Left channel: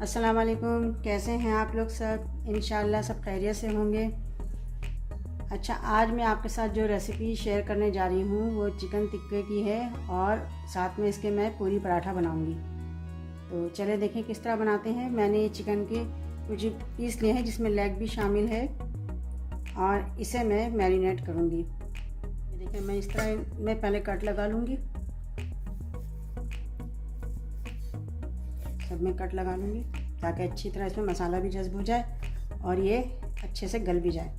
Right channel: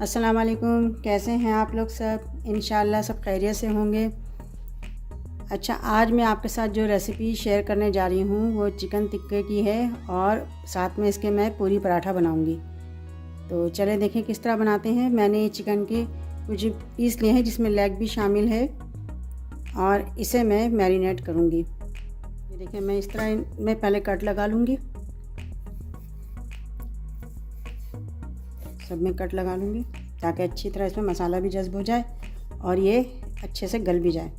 अस्सलाम वालेकुम। कैसे हैं आप लोग सब? इंशाअल्लाह सब खैरियत से होंगे। अच्छा, आज मैं आपके साथ जो रेसिपी शेयर करने जा रही हूँ वो चिकन टिक्के की है और साथ में इसके मैं पूरी पराठा बनाऊँगी। तो चले देखें किस तरह बनाते हैं। मैंने चिकन के कुछ पीस लिए हैं जिसमें लेग भी शामिल है और इसे मैं मैरिनेट करूँगी। ये देखिए, मैं इस तरह मैं पहले कट लगा लूँगी। सब में कट लगा लूँगी ताकि अच्छी तरह इसमें मसाला भी जज़्ब हो जाए और ये अच्छे से गल भी जाए।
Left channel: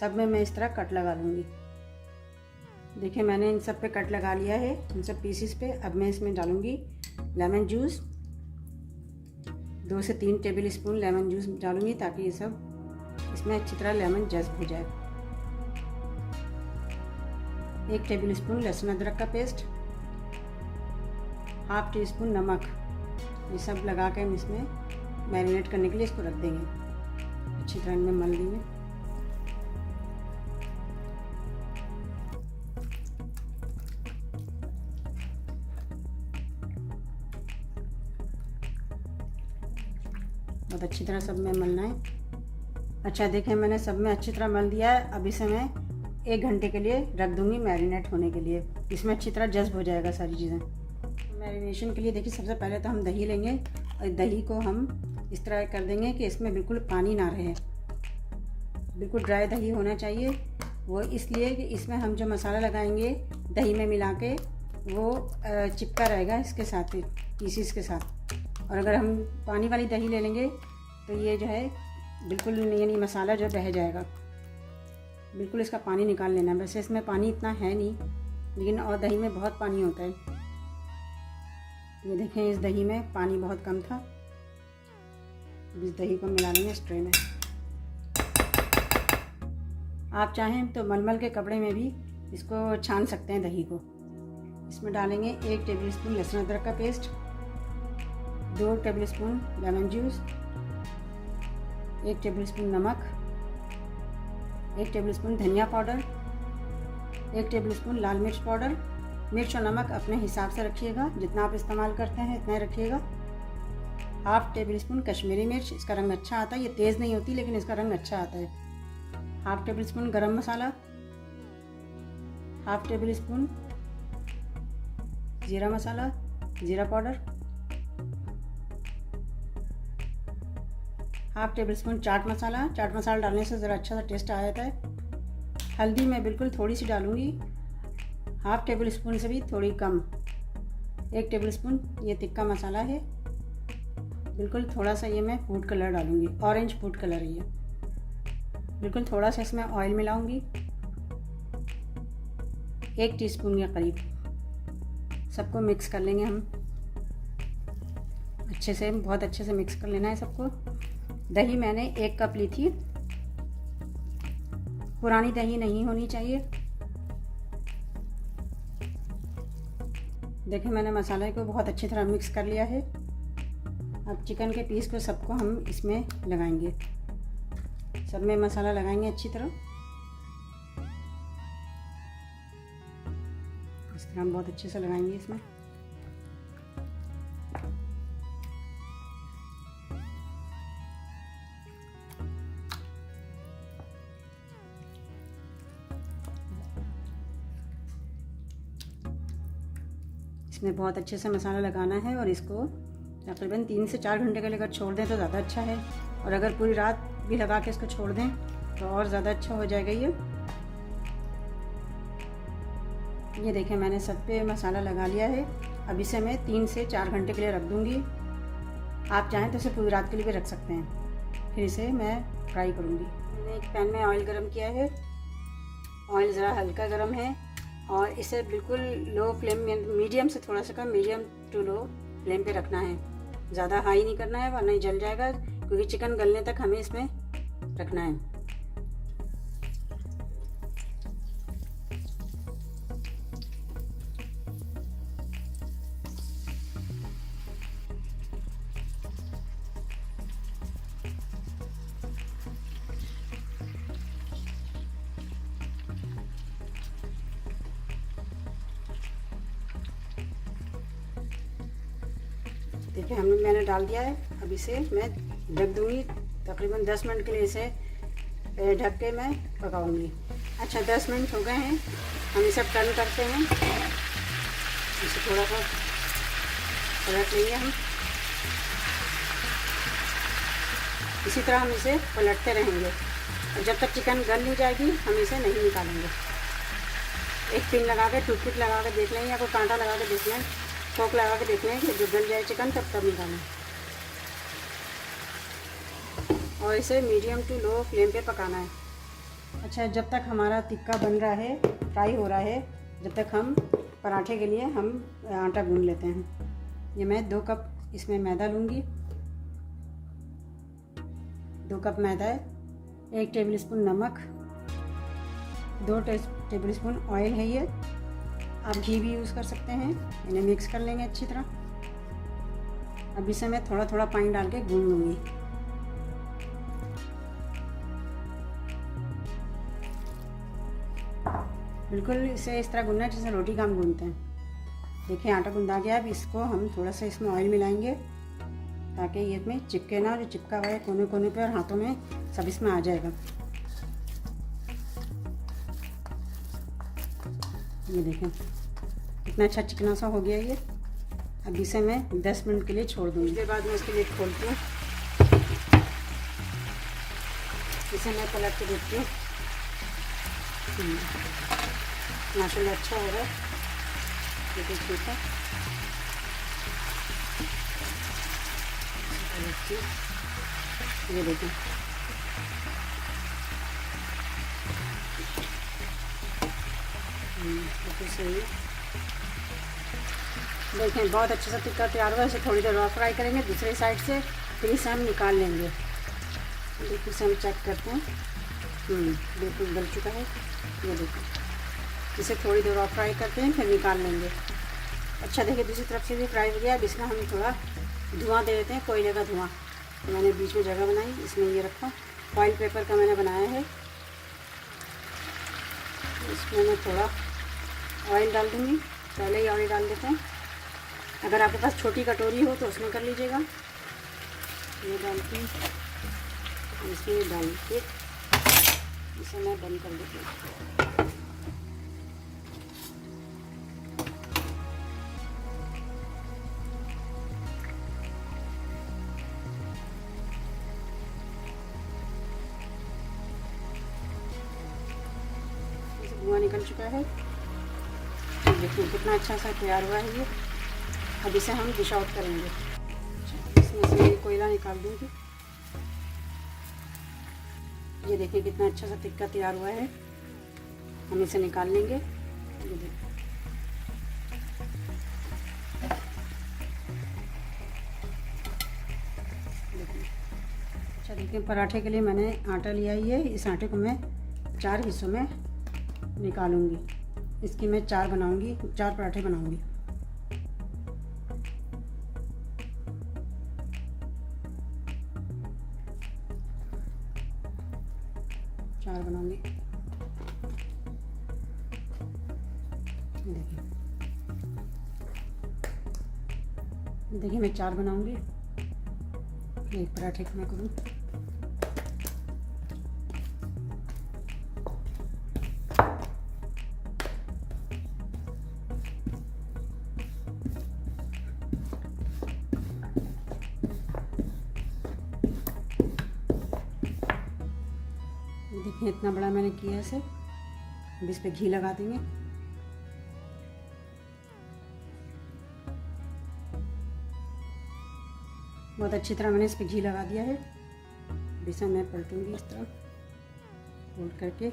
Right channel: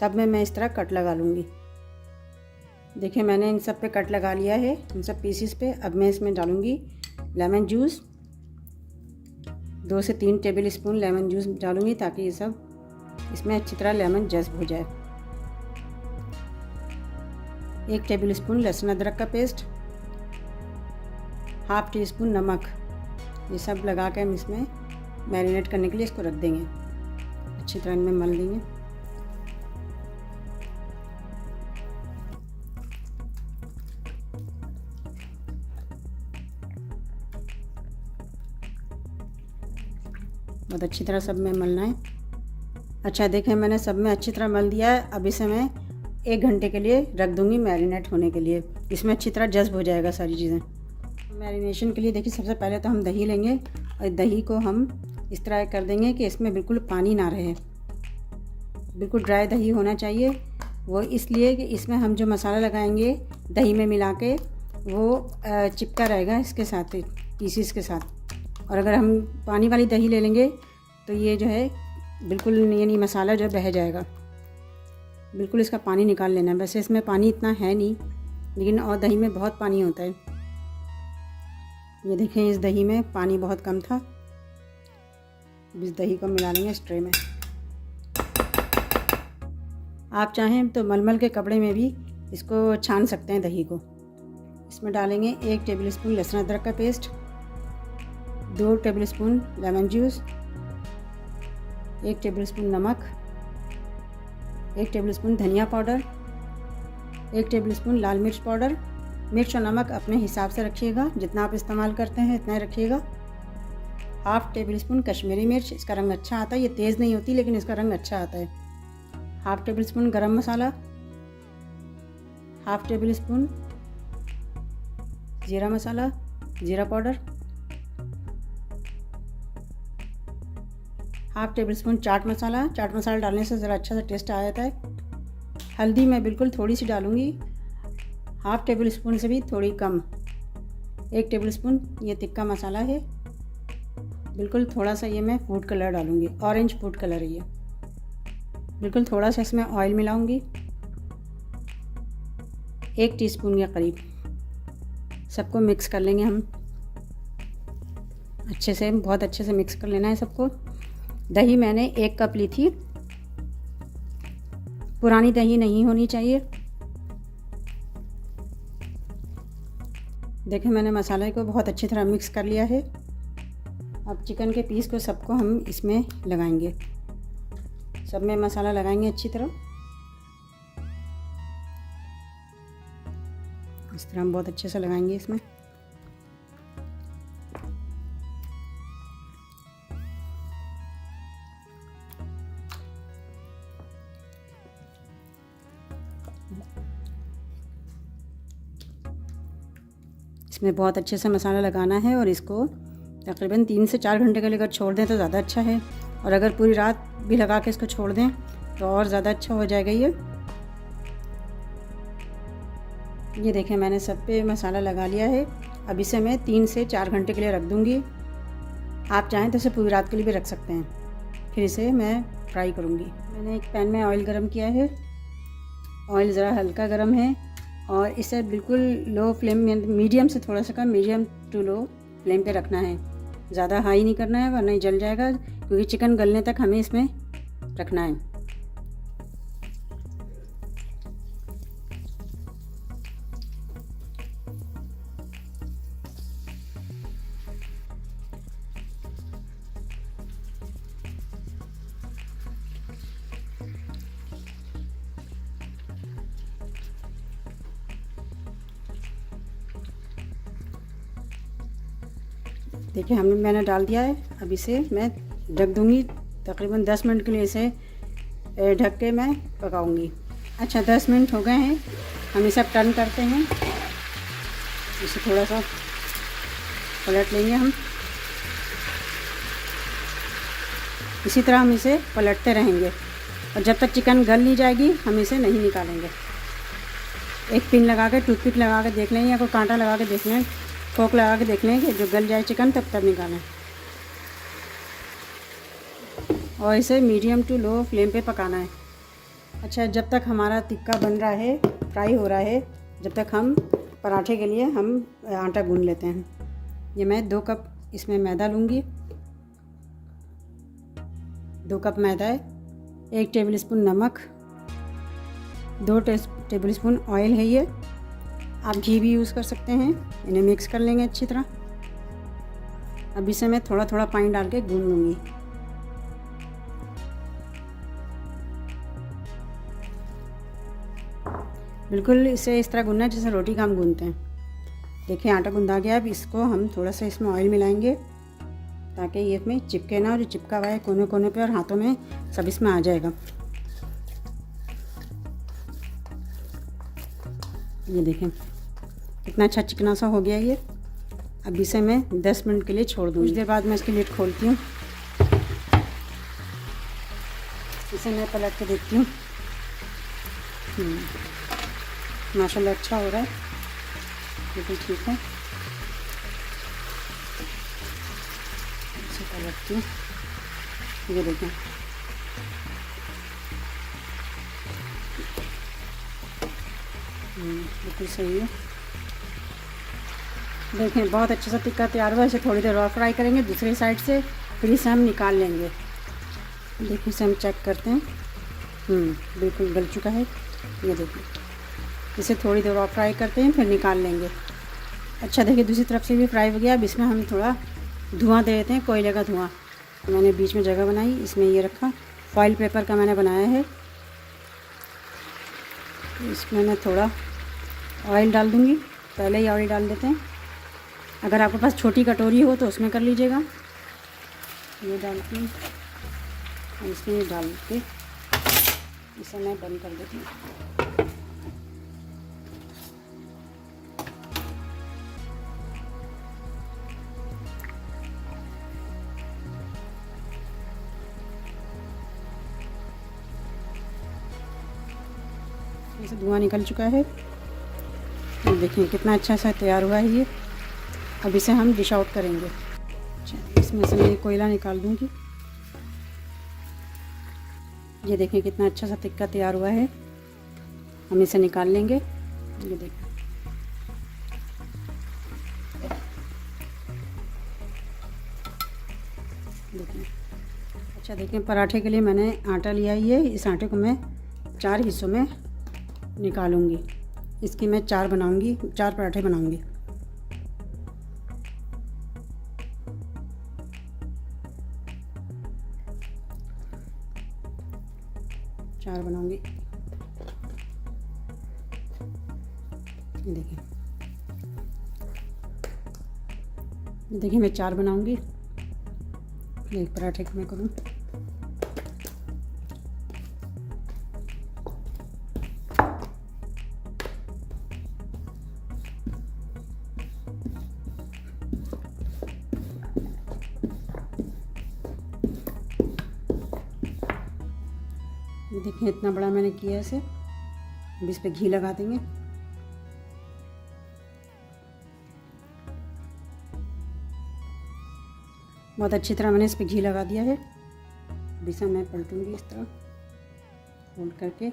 सब में मैं इस तरह कट लगा लूँगी। देखिए, मैंने इन सब पे कट लगा लिया है, इन सब पीसीस पे। अब मैं इसमें डालूँगी लेमन जूस। 2 से 3 टेबल स्पून लेमन जूस डालूँगी ताकि ये सब इसमें अच्छी तरह लेमन जज़्ब हो जाए। 1 टेबल स्पून लहसुन अदरक का पेस्ट, हाफ टी स्पून नमक। ये सब लगा कर हम इसमें मैरिनेट करने के लिए इसको रख देंगे। अच्छी तरह में मल देंगे। बहुत अच्छी तरह सब में मलना है। अच्छा, देखें मैंने सब में अच्छी तरह मल दिया है। अब इसे मैं 1 घंटे के लिए रख दूँगी मैरिनेट होने के लिए। इसमें अच्छी तरह जज़्ब हो जाएगा सारी चीज़ें। मैरिनेशन के लिए देखिए, सबसे पहले तो हम दही लेंगे और दही को हम इस तरह कर देंगे कि इसमें बिल्कुल पानी ना रहे। बिल्कुल ड्राई दही होना चाहिए। वो इसलिए कि इसमें हम जो मसाला लगाएंगे दही में मिला के वो चिपका रहेगा इसके साथ, पीसीस के साथ। और अगर हम पानी वाली दही ले लेंगे तो ये जो है बिल्कुल यानी मसाला जो बह जाएगा। बिल्कुल इसका पानी निकाल लेना है। वैसे इसमें पानी इतना है नहीं, लेकिन और दही में बहुत पानी होता है। ये देखें, इस दही में पानी बहुत कम था। इस दही को मिला लेंगे इस ट्रे में। आप चाहें तो मलमल के कपड़े में भी इसको छान सकते हैं दही को। इसमें डालेंगे 1 टेबल स्पून लहसुन अदरक का paste, 2 table spoon lemon juice, 1 table spoon नमक, 1 टेबल स्पून धनिया पाउडर, 1 टेबल स्पून लाल मिर्च पाउडर। मिर्च और नमक अपने हिसाब से रखिएगा, जितना आप इस्तेमाल करते हैं इतना ही रखिएगा। हाफ टेबल स्पून कश्मीरी मिर्च, इसका रंग अच्छा आता है। ये तेज़ नहीं होती लेकिन इसका रंग अच्छा आता है। हाफ टेबल स्पून गरम मसाला, हाफ टेबल स्पून जीरा मसाला, जीरा powder, half table spoon chaat masala. Chaat masala डालने से ज़रा अच्छा सा टेस्ट आ जाता है। हल्दी मैं बिल्कुल थोड़ी सी डालूँगी, हाफ टेबल स्पून से भी थोड़ी कम। 1 टेबल स्पून ये तिक्का मसाला है। बिल्कुल थोड़ा सा ये मैं फूड कलर डालूँगी, ऑरेंज फूड कलर है ये। बिल्कुल थोड़ा सा इसमें ऑयल मिलाऊँगी, 1 टीस्पून के करीब। सबको मिक्स कर लेंगे हम अच्छे से, बहुत अच्छे से मिक्स कर लेना है सबको। दही मैंने 1 कप ली थी। पुरानी दही नहीं होनी चाहिए। देखिए, मैंने मसाले को बहुत अच्छी तरह मिक्स कर लिया है। अब चिकन के पीस को सबको हम इसमें लगाएंगे। सब में मसाला लगाएंगे अच्छी तरह। इस तरह हम बहुत अच्छे से लगाएंगे इसमें। इसमें बहुत अच्छे से मसाला लगाना है और इसको तकरीबन 3 से 4 घंटे के लिए अगर छोड़ दें तो ज़्यादा अच्छा है। और अगर पूरी रात भी लगा के इसको छोड़ दें तो और ज़्यादा अच्छा हो जाएगा ये देखें, मैंने सब पे मसाला लगा लिया है। अब इसे मैं 3 से 4 घंटे के लिए रख दूँगी। आप चाहें तो इसे पूरी रात के लिए भी रख सकते हैं। फिर इसे मैं फ्राई करूँगी। मैंने एक पैन में ऑयल गरम किया है। ऑयल ज़रा हल्का गरम है और इसे बिल्कुल लो फ्लेम में, मीडियम से थोड़ा सा कम, मीडियम टू लो फ्लेम पे रखना है। ज़्यादा हाई नहीं करना है वरना जल जाएगा, क्योंकि चिकन गलने तक हमें इसमें रखना है। देखिए मैंने डाल दिया है। अब इसे मैं ढक दूँगी, तकरीबन 10 मिनट के लिए इसे ढक के मैं पकाऊंगी। अच्छा 10 मिनट हो गए हैं, हम इसे टर्न करते हैं। इसे थोड़ा सा पलट लेंगे हम। इसी तरह हम इसे पलटते रहेंगे और जब तक चिकन गल नहीं जाएगी हम इसे नहीं निकालेंगे। एक पिन लगा के, टूथपिक लगा के देख लें या कोई कांटा लगा के देख लें, फोक लगा के देख लें कि जो गल जाए चिकन तब निकालें। और इसे मीडियम टू लो फ्लेम पे पकाना है। अच्छा जब तक हमारा टिक्का बन रहा है, फ्राई हो रहा है, जब तक हम पराठे के लिए हम आटा गूंद लेते हैं। ये मैं 2 कप इसमें मैदा लूँगी। 2 कप मैदा है, 1 टेबल स्पून नमक, 2 टेबल स्पून ऑयल है ये, आप घी भी यूज़ कर सकते हैं। इन्हें मिक्स कर लेंगे अच्छी तरह। अब इसे मैं थोड़ा थोड़ा पानी डाल के गूंद लूँगी। बिल्कुल इसे इस तरह गूंदना है जैसे रोटी का हम गूंदते हैं। देखिए आटा गूंदा गया। अब इसको हम थोड़ा सा इसमें ऑयल मिलाएंगे ताकि ये इसमें चिपके ना, और जो चिपका हुआ है कोने कोने पे और हाथों में सब इसमें आ जाएगा। ये देखें कितना अच्छा चिकना सा हो गया ये। अब इसे मैं 10 मिनट के लिए छोड़ दूँगी। कुछ देर बाद मैं इसकी लिड खोलती हूँ। इसे मैं पलट के देखती हूँ। माशाल्लाह अच्छा हो रहा है, बिल्कुल ठीक है। पलटती हूँ, ये देखें अभी सही है। देखें बहुत अच्छा सा टिक्का तैयार हुआ। इसे थोड़ी देर और फ्राई करेंगे दूसरी साइड से, फिर इसे हम निकाल लेंगे। देखिए इसे हम चेक करते हैं। बिल्कुल गल चुका है। ये देखिए इसे थोड़ी देर और फ्राई करते हैं, फिर निकाल लेंगे। अच्छा देखिए दूसरी तरफ से भी फ्राई हो गया। अब इसमें हम थोड़ा धुआं दे देते हैं, कोयले का धुआं। तो मैंने बीच में जगह बनाई, इसमें ये रखा, फॉइल पेपर का मैंने बनाया है। इसमें मैं थोड़ा ऑयल डाल दूँगी, पहले ही ऑयल डाल देते हैं। अगर आपके पास छोटी कटोरी हो तो उसमें कर लीजिएगा। ये डाल के इसमें डाल के इसे मैं बंद कर देती हूँ। इसे धुआं निकल चुका है। तो देखिए कितना अच्छा सा तैयार हुआ है ये। अब इसे हम डिश आउट करेंगे। अच्छा इसमें से मैं कोयला निकाल दूँगी। ये देखिए कितना अच्छा सा टिक्का तैयार हुआ है। हम इसे निकाल लेंगे। ये देखिए अच्छा देखिए पराठे के लिए मैंने आटा लिया ही है। इस आटे को मैं 4 हिस्सों में निकालूंगी। इसकी मैं 4 बनाऊंगी, 4 पराठे बनाऊंगी। देखिए मैं 4 बनाऊंगी। एक पराठे को मैं करूँ। ये देखिए इतना बड़ा मैंने किया इसे। अब इस पे घी लगा देंगे। बहुत अच्छी तरह मैंने इस पे घी लगा दिया है। अब इसे मैं पलटूंगी इस तरह फोल्ड करके।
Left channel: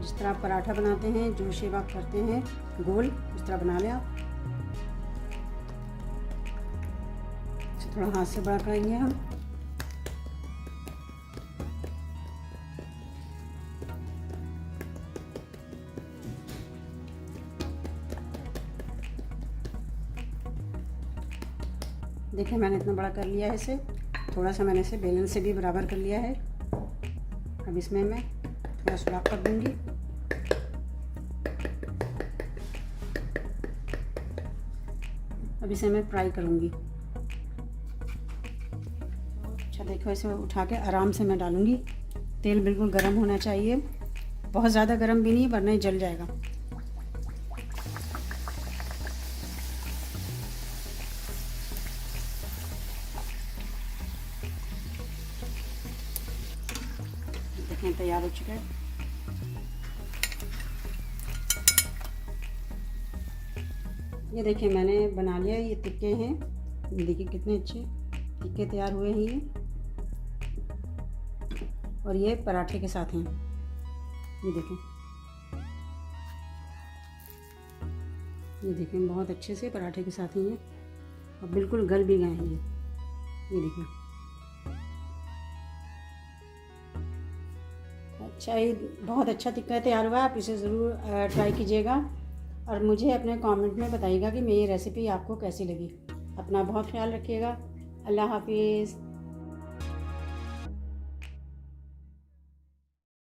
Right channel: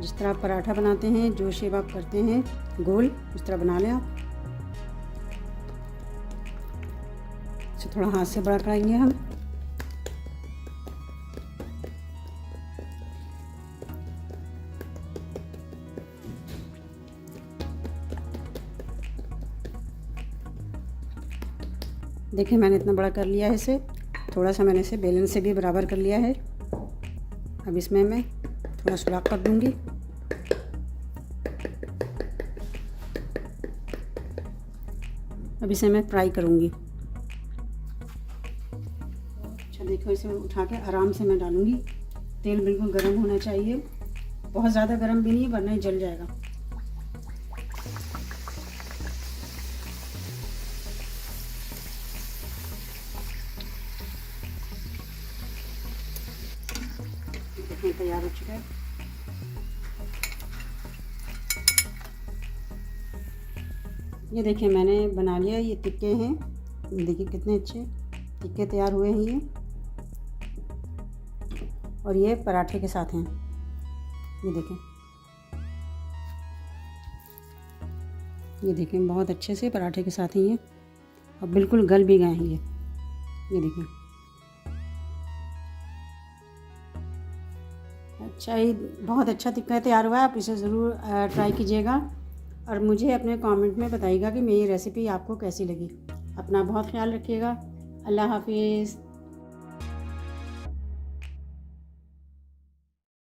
जिस तरह आप पराठा बनाते हैं, जो शेप आप करते हैं गोल, इस तरह बना लें आप। इसे थोड़ा हाथ से बड़ा कराएंगे हम। देखिए मैंने इतना बड़ा कर लिया है इसे, थोड़ा सा मैंने इसे बेलन से भी बराबर कर लिया है। अब इसमें मैं थोड़ा सुराख कर दूँगी। अब इसे मैं फ्राई करूँगी। अच्छा देखो, इसे उठा के आराम से मैं डालूँगी। तेल बिल्कुल गर्म होना चाहिए, बहुत ज़्यादा गर्म भी नहीं वरना जल जाएगा। देखिए तैयार हो चुका है। ये देखिए मैंने बना लिया। ये टिक्के हैं, देखिए कितने अच्छे टिक्के तैयार हुए हैं ये। और ये पराठे के साथ हैं, ये देखें, ये देखें बहुत अच्छे से पराठे के साथ ही ये, और बिल्कुल गल भी गए हैं ये देखें। अच्छा, ये बहुत अच्छा टिक्का तैयार हुआ है। आप इसे ज़रूर ट्राई कीजिएगा और मुझे अपने कमेंट में बताइएगा कि मेरी रेसिपी आपको कैसी लगी। अपना बहुत ख्याल रखिएगा। अल्लाह हाफिज़।